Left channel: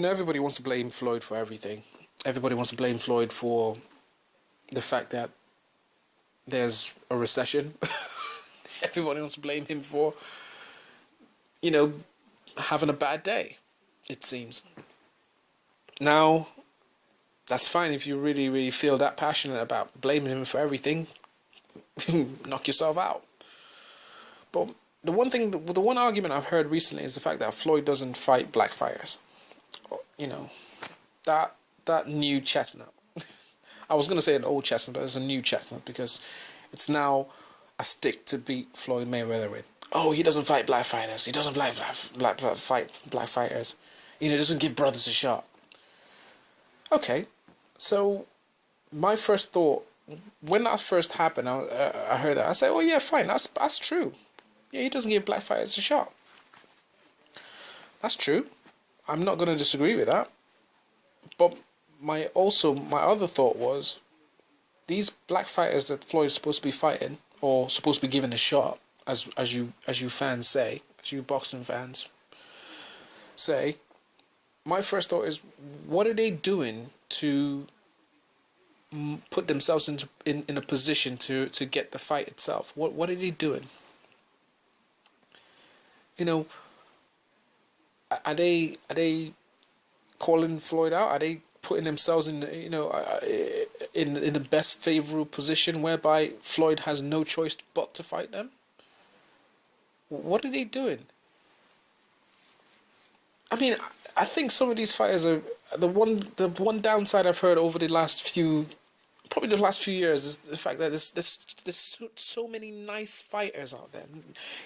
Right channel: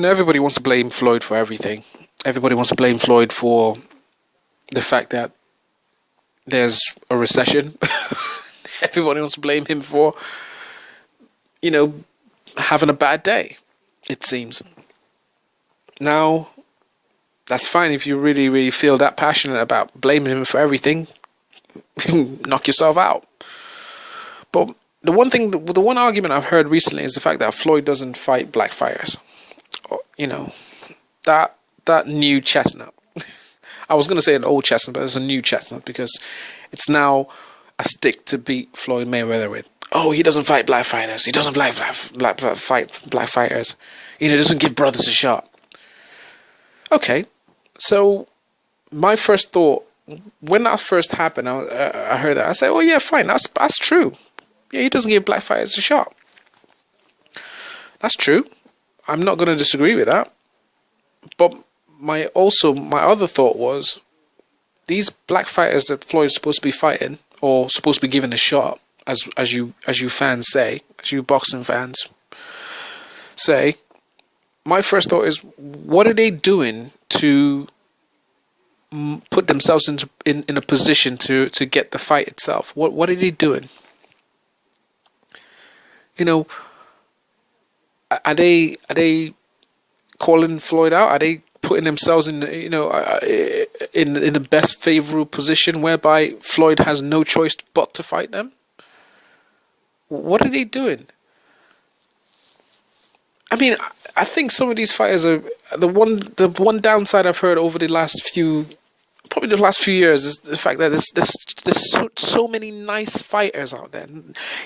Everybody wants to blame Floyd for everything. Everybody wants to blame Floyd for the fact that there's a recession. Everybody wants to blame him for, you know, having a bad day, it seems. Now, that's fine if you really, really feel that passionate about blaming him for everything. Knock yourself out. But the one argument I've heard recently is the fact that Floyd doesn't fight black fighters. You know, that new chestnut. I was going to say an old chestnut, but it's a new chestnut because it's now a stick to beat Floyd Mayweather with. Oh, he doesn't fight black fighters. He doesn't fight black fighters. You know, doesn't give brothers a shot. Okay, so my first thought when that first happened, I heard that. I said, "Oh yeah, fine. That's true. Yeah, he doesn't give black fighters a shot. That's true. I'm not going to disagree with that. But my other thought was, these black fighters that Floyd's supposed to be fighting or supposed to be given a shot, as you fans say, as you boxing fans say, my first thought is, what are they doing to put themselves in a position to get the fight itself? What are they doing? You know, are they calling Floyd out? Are they putting themselves in the best favorable position whereby Floyd has no choice but to fight them? What are they doing? I mean, I think some of these fighters are the one downside I've heard over the last few years is the fact that there's so many nice fighters out there.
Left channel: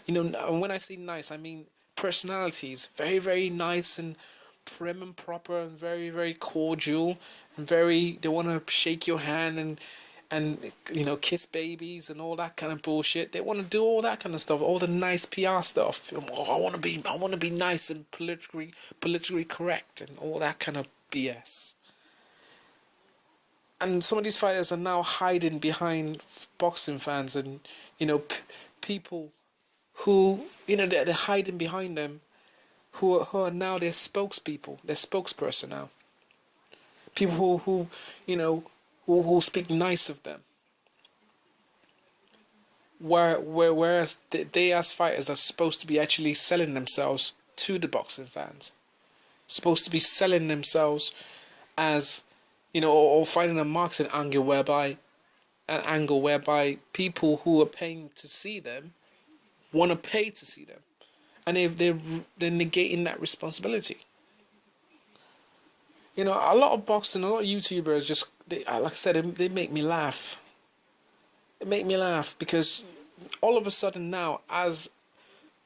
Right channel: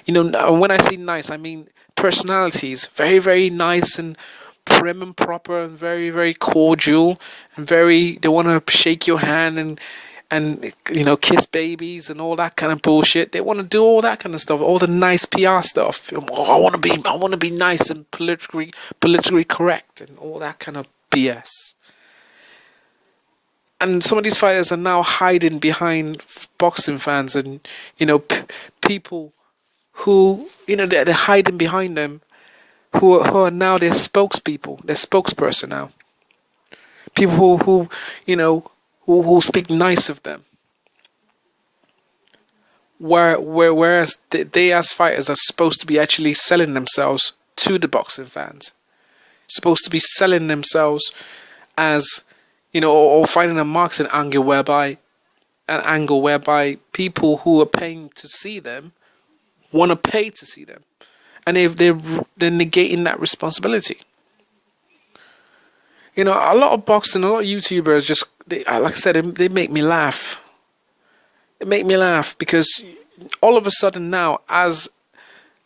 You know, when I say nice, I mean personalities, very, very nice and prim and proper and very, very cordial and they want to shake your hand and you know, kiss babies and all that kind of bullshit. They want to do all that kind of stuff, all the nice PR stuff. Oh, I want to be nice and politically correct and all that kind of BS. And some of these fighters are now hiding behind boxing fans and, you know, people who, you know, they're hiding behind them, who are now their spokespeople, their spokesperson now. People who you know, who speak nice of them. Whereas they as fighters are supposed to be actually selling themselves to the boxing fans. Supposed to be selling themselves as, you know, or finding a marketing angle whereby people who are paying to see them want to pay to see them. And they're negating that responsibility. You know, a lot of boxing, a lot of YouTubers just, like I said, they make me laugh. It make me laugh because all of a sudden now, as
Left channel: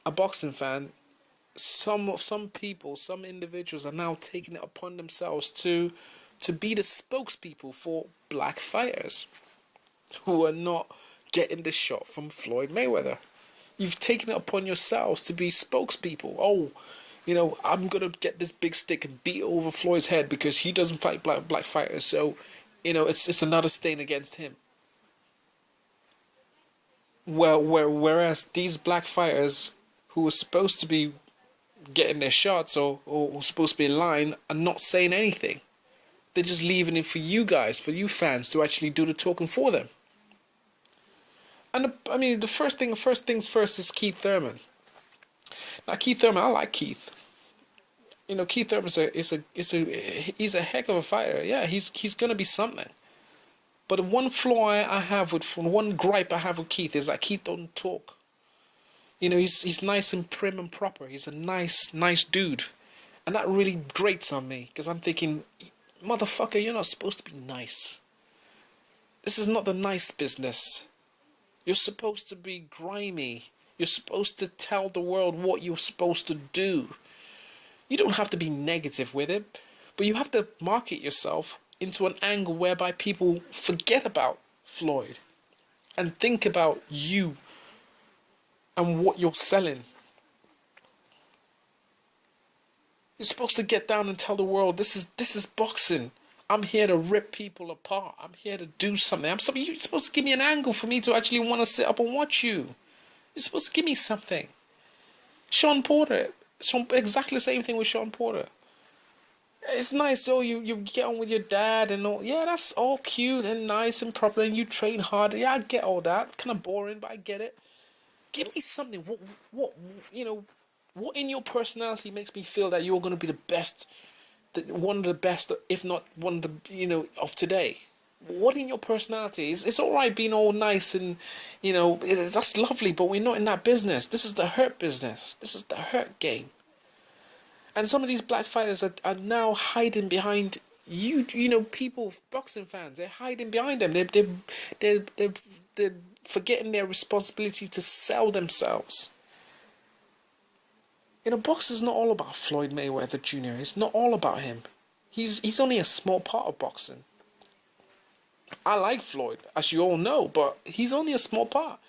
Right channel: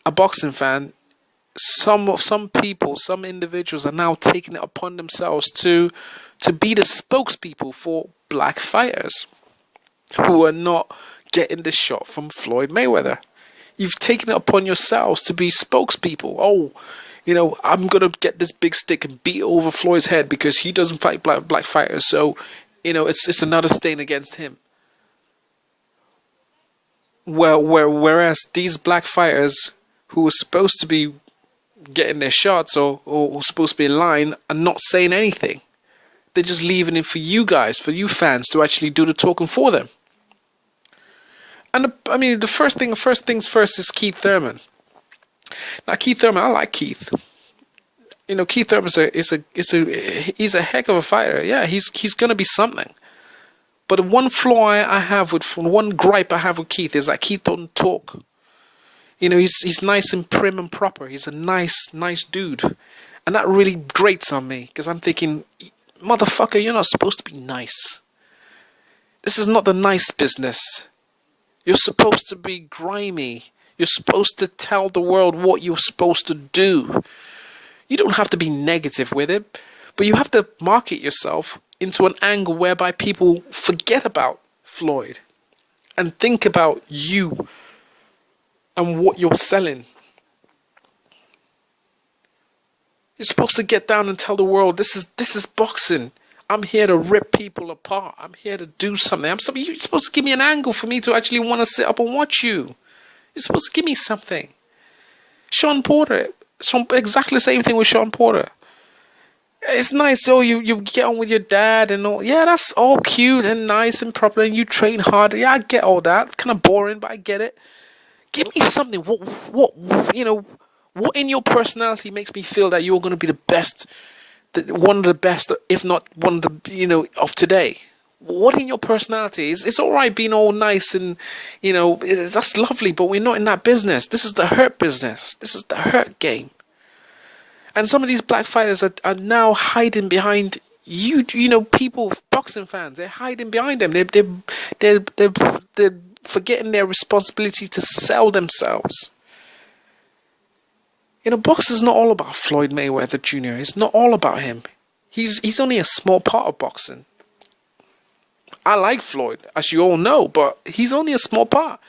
a boxing fan, some people, some individuals are now taking it upon themselves to be the spokespeople for black fighters who are not getting the shot from Floyd Mayweather. You've taken it upon yourselves to be spokespeople. Oh, you know, I'm going to get this big stick and beat over Floyd's head because he doesn't fight black fighters. So, you know, it's another stain against him. Whereas these black fighters who are supposed to be getting their shots or supposed to be in line are not saying anything. They're just leaving it for you guys, for you fans to actually do the talking for them. And I mean, the first things first is Keith Thurman. Now, Keith Thurman, I like Keith. You know, Keith Thurman he's a heck of a fighter. Yeah, he's gonna be something. But the one flaw I have one gripe I have with Keith is that Keith don't talk. You know, he's nice and prim and proper. He's a nice dude, and that really grates on me because I'm thinking, motherfucker, you're not supposed to be nice. This is not the nice business. You're supposed to be grimy. You're supposed to tell the world what you're supposed to do. You don't have to be negative with it, but you have to market yourself into an angle whereby people forget about Floyd and think about you and what you're selling. You're supposed to get down and tell the world, this is boxing. I'm here to rip people apart. I'm here to do something. You're supposed to give me an angle for me to actually want to sit up and watch you. You're supposed to give me something. Shawn Porter, exactly the same thing with Shawn Porter. It's nice. Oh, you get on with your dad and all. Yeah, that's all cute and nice and proper. And you train hard. Yeah, I get all that. It's kind of boring, but I get it. Give me something. What in your personality makes me feel that you're going to be the best, one of the best, if not one of the, of today? What in your personality is? It's all right being all nice and, that's lovely, but we're not in that business. This is the hurt business. This is the hurt game. And some of these black fighters are now hiding behind people, boxing fans. They're hiding behind them. They're forgetting their responsibility to sell themselves. Boxing's not all about Floyd Mayweather Jr. It's not all about him. He's only a small part of boxing. I like Floyd, as you all know, but he's only a small part.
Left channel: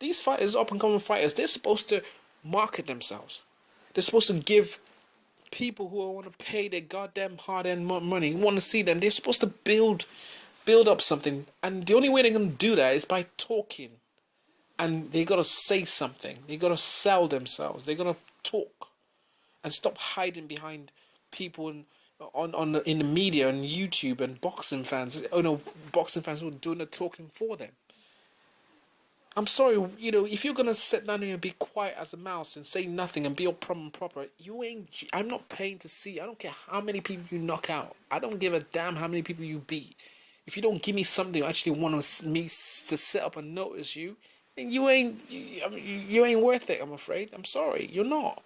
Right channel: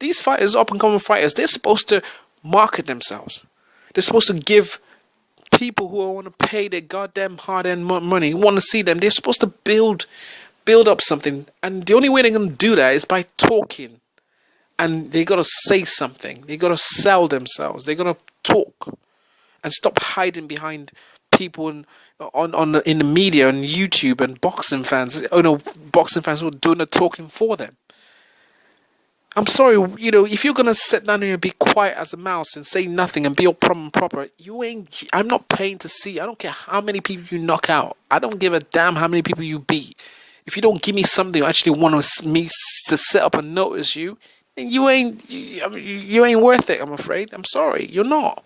These fighters, up-and-coming fighters, they're supposed to market themselves. They're supposed to give people who want to pay their goddamn hard-earned money, who want to see them, they're supposed to build up something. And the only way they're going to do that is by talking. And they got to say something. They got to sell themselves. They got to talk and stop hiding behind people in the media and YouTube and boxing fans. Boxing fans who are doing the talking for them. I'm sorry, if you're gonna sit down here and be quiet as a mouse and say nothing and be all prim and proper, I'm not paying to see. I don't care how many people you knock out. I don't give a damn how many people you beat. If you don't give me something or actually want me to set up and notice you, then you ain't worth it. I'm afraid. I'm sorry, you're not.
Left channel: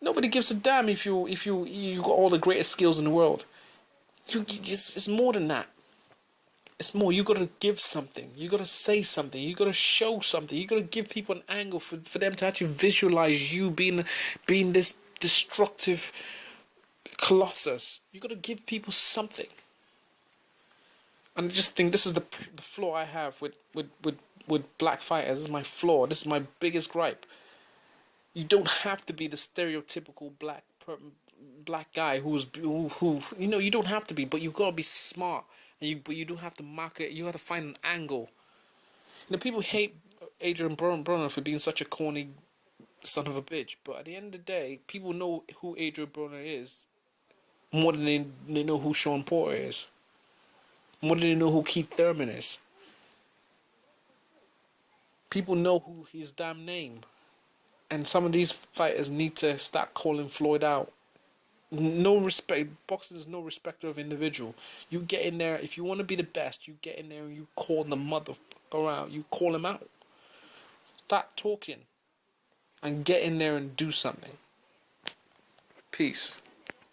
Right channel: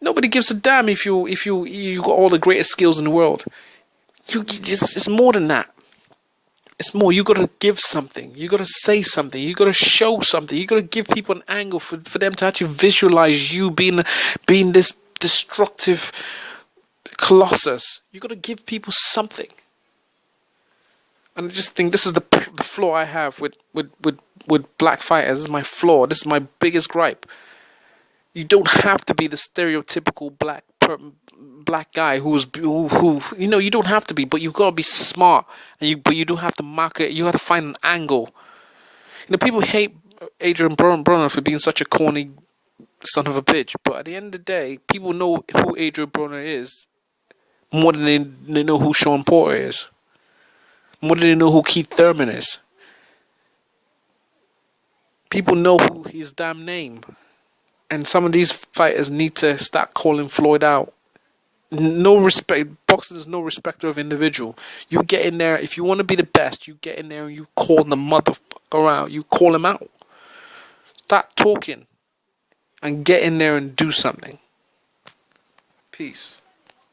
Nobody gives a damn if you got all the greatest skills in the world. It's more than that. It's more. You got to give something. You got to say something. You got to show something. You got to give people an angle for them to actually visualize you being this destructive colossus. You got to give people something. And I just think this is the flaw I have with black fighters. This is my flaw. This is my biggest gripe. You don't have to be the stereotypical black guy who you don't have to be, but you've got to be smart, but you don't have to market. You have to find an angle. People hate Adrian Broner for being such a corny son of a bitch, but at the end of the day, people know who Adrian Broner is more than they know who Sean Porter is, more than they know who Keith Thurman is. People know who his damn name. And some of these fighters need to start calling Floyd out. No respect. Boxing is no respecter of individual. You get in there, if you want to be the best, you get in there and you call the motherfucker out. You call him out. Start talking and get in there and do something. Peace.